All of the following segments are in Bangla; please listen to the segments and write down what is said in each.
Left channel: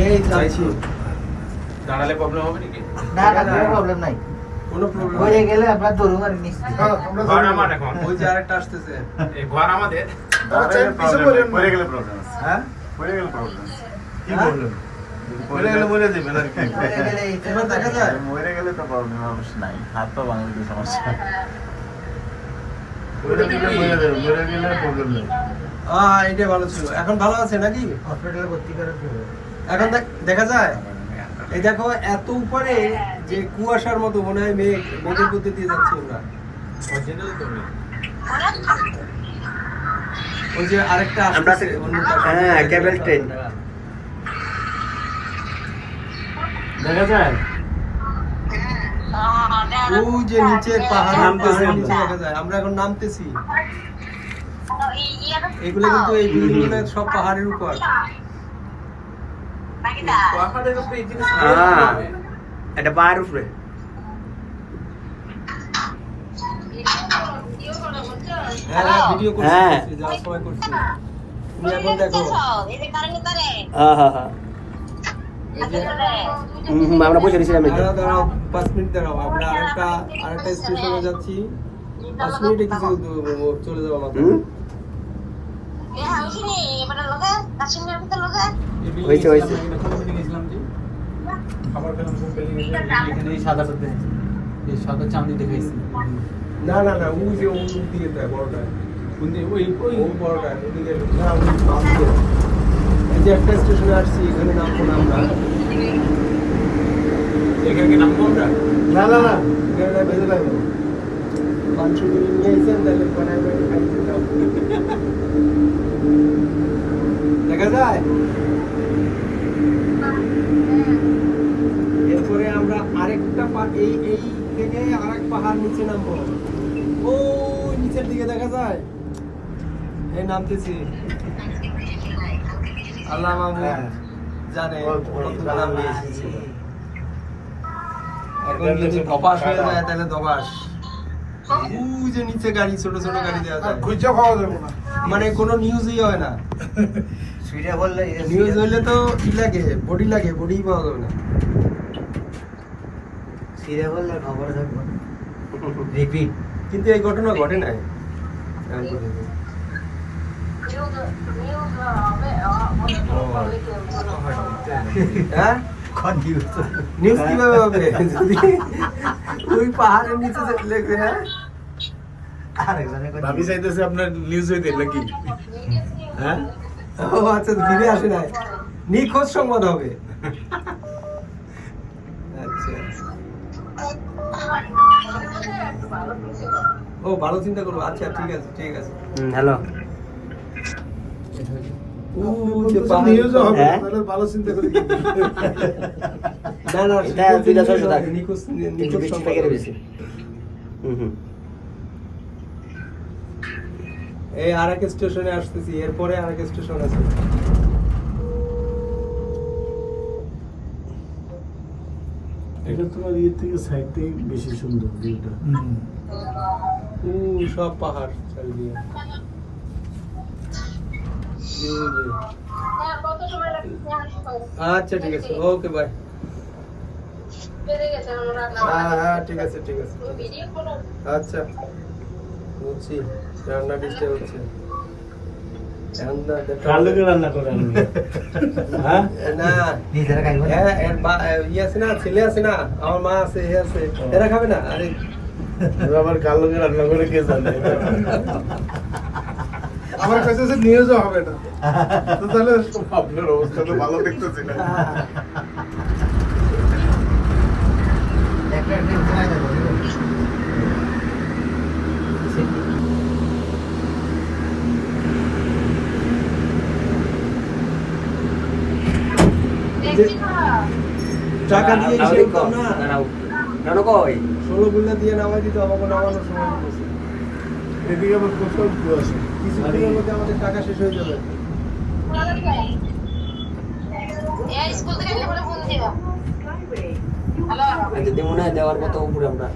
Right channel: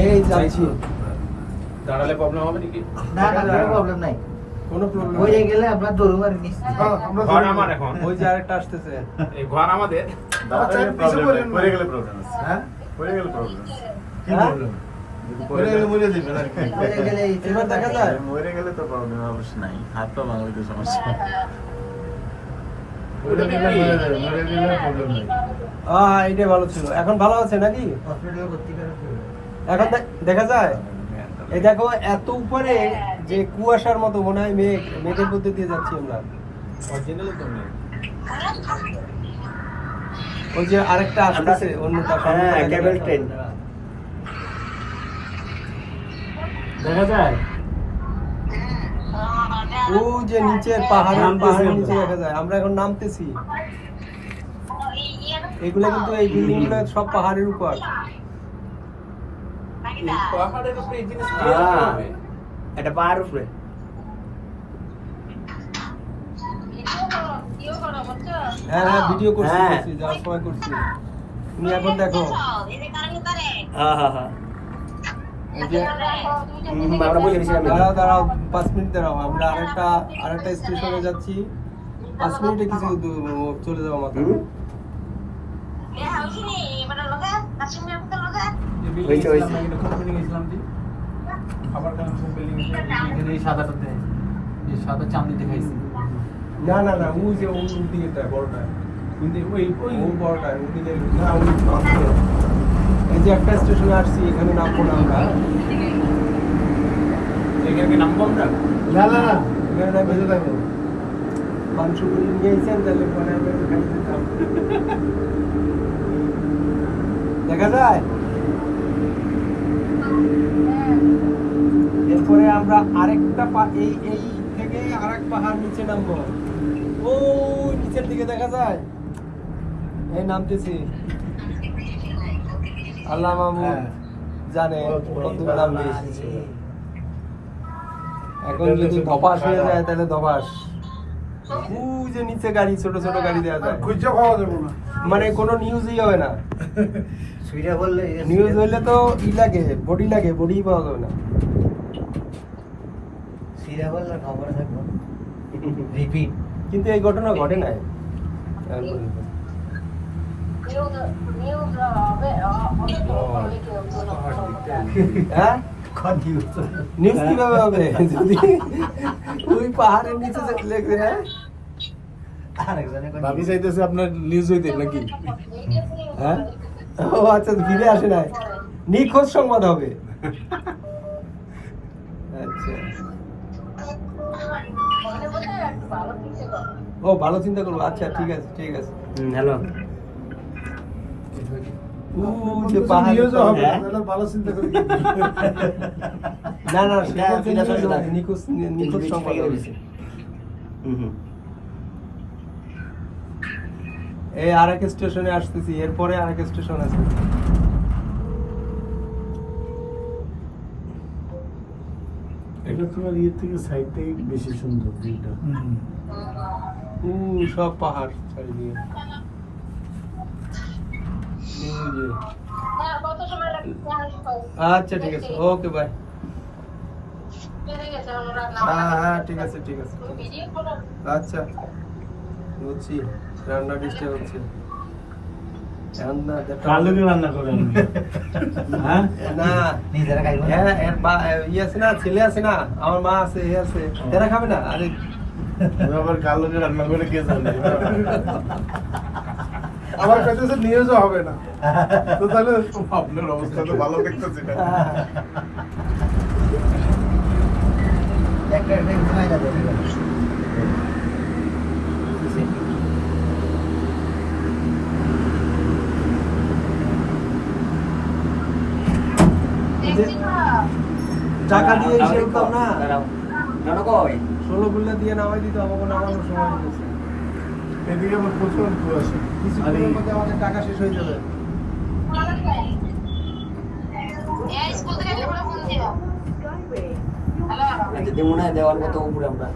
এই যাচ্ছি। দাঁড়ালে প্রবলেম হবে নাকি? না না কোনো প্রবলেম নাই। কোনো প্রবলেম হয়ে গেলে আপনার দৌড় আর নিশ্চিত। ঘর আমার এখন। ওই যে আরেকটা আসতেছে। এই ঘর আমাদের। পড়ে গেলে প্রবলেম আছে। হ্যাঁ? পড়ে গেলে প্রবলেম আছে। কি প্রবলেম? পড়ে গেলে মরে যাবেন আর কি। হয়ে গেলে এই এবার দেখা যায়? মরে গেলে তো প্রবলেম অবশ্য নাই। হাত পা ভাঙলে তো সমস্যা। মরে গেলে প্রবলেম নেই। এইটা ভালো ছিল। এখন ভালো আছে নাকি? হসপিটালে ভর্তি করার জন্য। এখন দেখা যায়? এই দেখো এত উপরে যে কুয়াশার মতো মনে হয় মেঘের মধ্যে দিয়ে যাচ্ছি আমরা। অরিজিনাল তো নেই। ওই যে আরেকটা আসতেছে অন্যটা। হ্যাঁ, কেবল ট্রেন। দেখা যায়? ওই যে নিচে পাহাড়ের নিচে দেখা যায়। আমরা এখন নামতেছি। এগুলো কিন্তু এই বিল্ডিং গুলো সব পাহাড়ের উপর। পাহাড়ের উপরে এই জিনিস এটা পাহাড়ের উপরে। হ্যাঁ ভিডিও করছি যাওয়ার সময় করছি। তুমি এখন দেখো। হ্যাঁ। আমরা বুঝে নিয়েছিলাম। দাঁড়াও 5 মিনিট দাঁড়াও। আমরা আরেকটা স্টেশনে যাচ্ছি। 5 মিনিটে কিছু চলে যাবো আমাদের। হয়েছে। আবার কেন বিল্ডিং এখানে সাদা করতে এই সাদা চাঁদি দেখাইছে। না ওই যে ওই দিকে দেয় বড়টা। ওই বড়টা ওদিকে না ওই এই যে একটা স্টেশনে আসছি এখানে নামবো আমরা। এখানে কি নামবো আমরা? না এখানে না বেজে লাগে। অংশ নিয়ে গিয়েছেন তাহলে পরে আমরা দেখা যায়? এরপরে আমরা আরেকটা এই থেকে আরেক পাহাড় নিচে নামবো। ওই নিচের দিকে দেখা যায়? এই নামতেছি। আল্লাহ মাহমুদ জানে কত নামবে। এখন যদি ধপাস হয়ে যায় তাহলে ধপাস। ওই যে নিচে গাড়ি ছোট গাড়ি দেওয়া যায়। খুঁজে পাওয়া যাবে না। মানে কোনো নিউজই হয় না। সুইটা বললে নিউজ হইলে তো বডি লাগে বডি পাওয়া যাবে না। সিধা বললে খবর থাকবো। রিপিট। কিন্তু এই ঘটনা ঘটে নাই। হ্যাঁ নিউজ কিভাবে হবে যদি ওই পাহাড়ের নিচে লেগে? হ্যাঁ ভাবি চাইতেছে আপনার নিউজ হইতে নাকি? হ্যাঁ ও আচ্ছা ফিরে আসে না, নিখোঁজ সংবাদ হবে। আচ্ছা ও ভালো চিন্তা করবো। আচ্ছা ঠিক আছে। হ্যালো। নিউজ হবে তাহলে ভালো চিন্তা করি। না এটা দুইটা চলছে থাকে। নিখোঁজ সংবাদ বেশি। এই আরেক স্টেশনে আসতেছি, এরপরে আরেক স্টেশন আছে। এটা তোমার ইয়ে থেকে সাইডটাই বেশি সুন্দর ভিউটা। সব পাহাড় চারিদিকে। আচ্ছা ঠিক আছে, ওকে বাই। হ্যাঁ ঠিক আছে। আচ্ছা বুঝছি, রান্না ডিস্টার্ব হচ্ছে। রান্না করে হ্যাঁ না নিজেরা খাইবো না। ইয়ে আছে না, ছেলে আছে না, আমার মা আছে, ইয়ে আছে, এরা খাবে না? আরে আবার কালো রান্না করে কে জানে। আমার কাছে নিউজও হবে না, তো তাহলে আপনার অবস্থা তো ভালো দেখতেছি না। একটা খাওয়া যাবে। টাকা দিয়ে এসে না কেন কই 16 বিল্লা দিয়ে নামাই দিত, আমাকে নামানোর সময় হচ্ছে। এদিকে আবার প্রচুর কুয়াশা। কিছুদিনের মধ্যে আমাদের টাকা শেষ হয়ে যাবে। যদি মনে হয় দেওয়ার মতো উপরে আমরা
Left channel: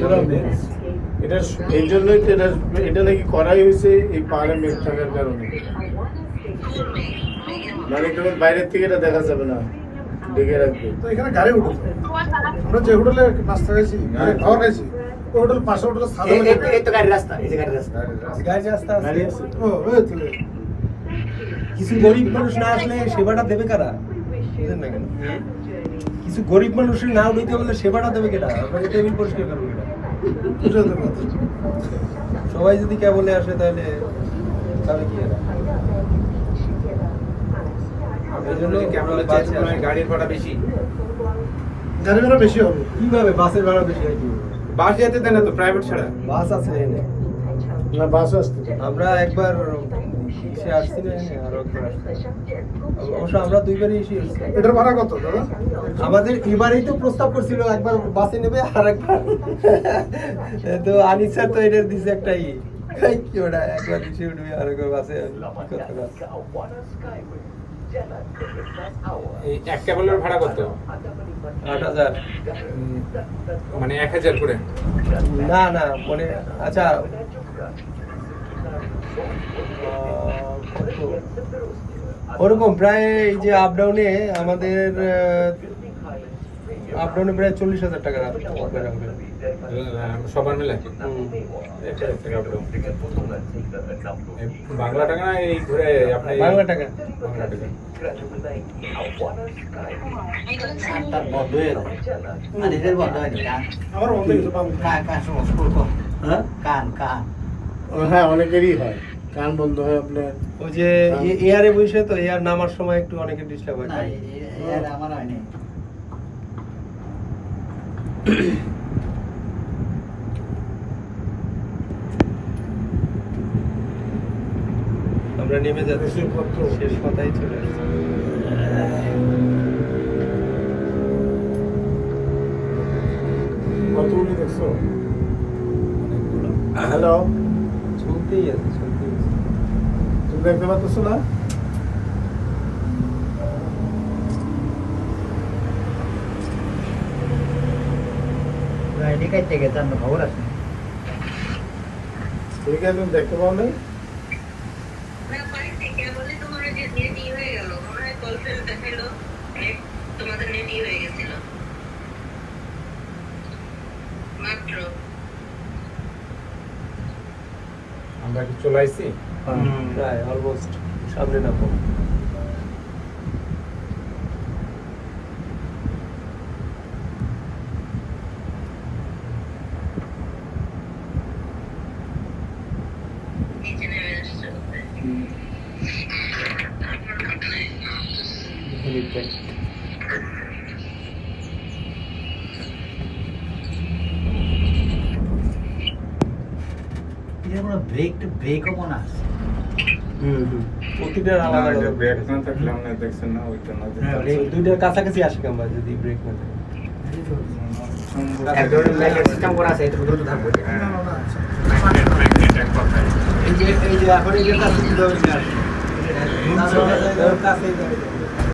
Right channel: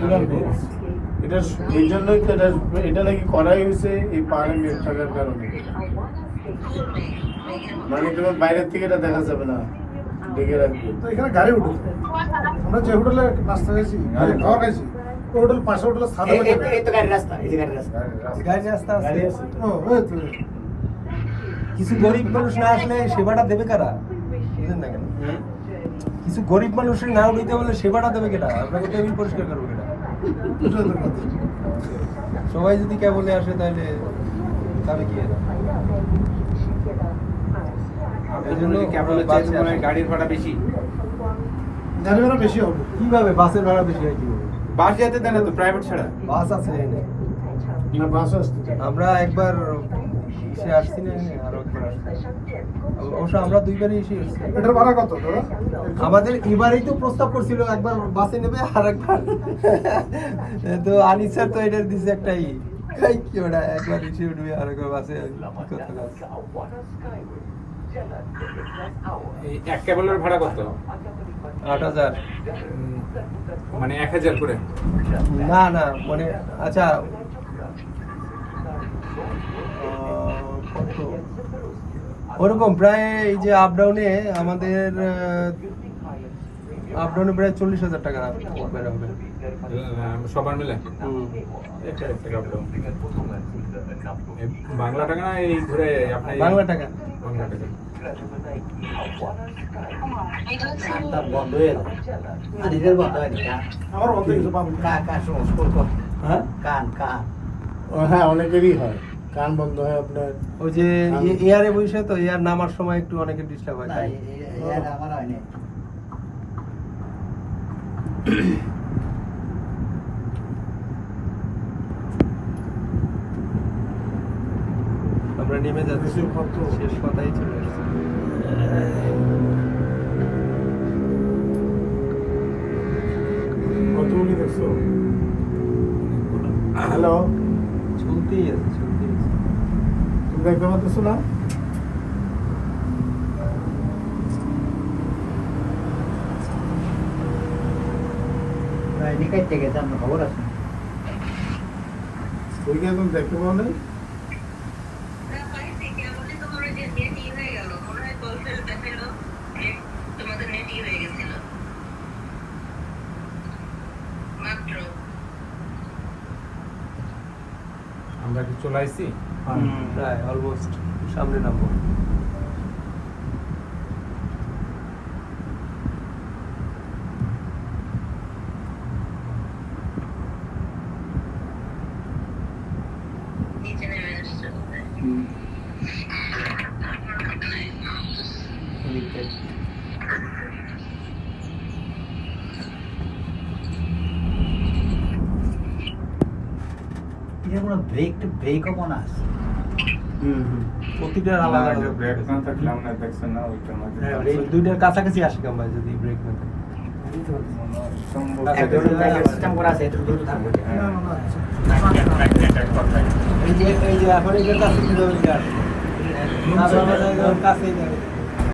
পুরা mix। এটা এই জন্যই তো এটা নাকি করাই হয়েছে এই পাহাড়ে মেঘ থাকার কারণে। মানে কোনো বাইরের থেকে এটা দেখা যাবে না, ঢেকে রাখবে। তো এখানে গাড়ি উঠে আমরা যে হোটেলে নাস্তা খাইছি খাওয়া খাইছি ওই হোটেল পাশে হোটেলে সাদা এই তো গাড়ির রাস্তা, এই যে গাড়ির রাস্তা। গাড়ি রাস্তা আছে। গাড়ি আছে তো। ও ওই তো কিছু গরিব মানুষ না আসলে সেবাটা দেবে কারা? বুঝলেন না কেন? কিছু গরিব মানুষের না উঠতে বলে সেবাটা দেবে কেটা? আপনাকে টেবিল পরিষ্কার করবে কেটা? এটা তো কথা। সবাই যদি কেবলে আসে তাহলে তাহলে কি হবে? এই জন্য কেবলে চেয়েছে গাড়ির ভাড়া বেশি। গাড়ি ভাড়া বেশি হবে। কিভাবে বাসের ভাড়া বেশি হয় কি হবে? বাস যেতে দেন না তো, প্রাইভেট ছাড়া। বাস আছে এখানে। না বাস আসতে। আমরা একবার এসে আসছি না আরো একবার আসছি। অবশ্য আমরা দুইবারই এসে এসেছি। এটার ভাড়া কত দাদা? আমাদের এবারেই তো প্রস্তাব করছিল একবার বাসে নেবে আর একবার তো আনিস স্যার তো এটার দিছে একটাই এই কি ওটা একবার এসে উঠবে আর একবার বাসে এই এক কেবলের ভাড়া কত? ৮,০০০ মানে ১,০০০ করে। না না মানে আচ্ছা ওরকম প্রায় এই যে আপ ডাউনে আমাদের আপ ডাউনে প্রায় ৪০,০০০ টাকা লাগবে। সবার মিলে বাংলা টাকা না এই ঘুরে আপনার বাংলা টাকা। বাংলা টাকা। কানটা বন্ধ হয়ে গেল। না, নিজের বন্ধ হয়নি, কান। আমার বন্ধ কিছু পাবো। কান সমস্যা করবো। হ্যাঁ কান। ও হ্যাঁ, অনেকেরই হয় কান বন্ধ হয় আপনার। ওই যে এয়ারে বসে তো এয়ার নামার সময় একটু অনেকে ডিস্টার্ব হয়। না, আমার হয়নি। আমরা নেমে যাচ্ছি, শেষ কথাই চলে আসছে। কতগুলি দেখছো? হ্যালো, চলতেই আছে চলতেই আছে। তুমি দেখতে পাচ্ছ না? এদিকে কাটতে গেছে, আমার খবর আছে। ঠিক আছে, তুমি দেখতে পাও না? আমরা কি চলে আইছি? প্রায় অলমোস্ট সামনে নামবো। এটা কোনো ব্রেকও মনে আছে। প্রতিটার আলাদা আলাদা ব্রেক না থাকলে আমরা দেখছেন না ওইটা মাঝে দুইটার কাছাকাছি আসে কেমন যদি ব্রেক না থাকে। এক ধরনের ব্রেকের সিস্টেম করা আছে, এটার উপরে তো থাকবে। এই যে এখন এই যে কাছে কিলোমিটার ওর কাছে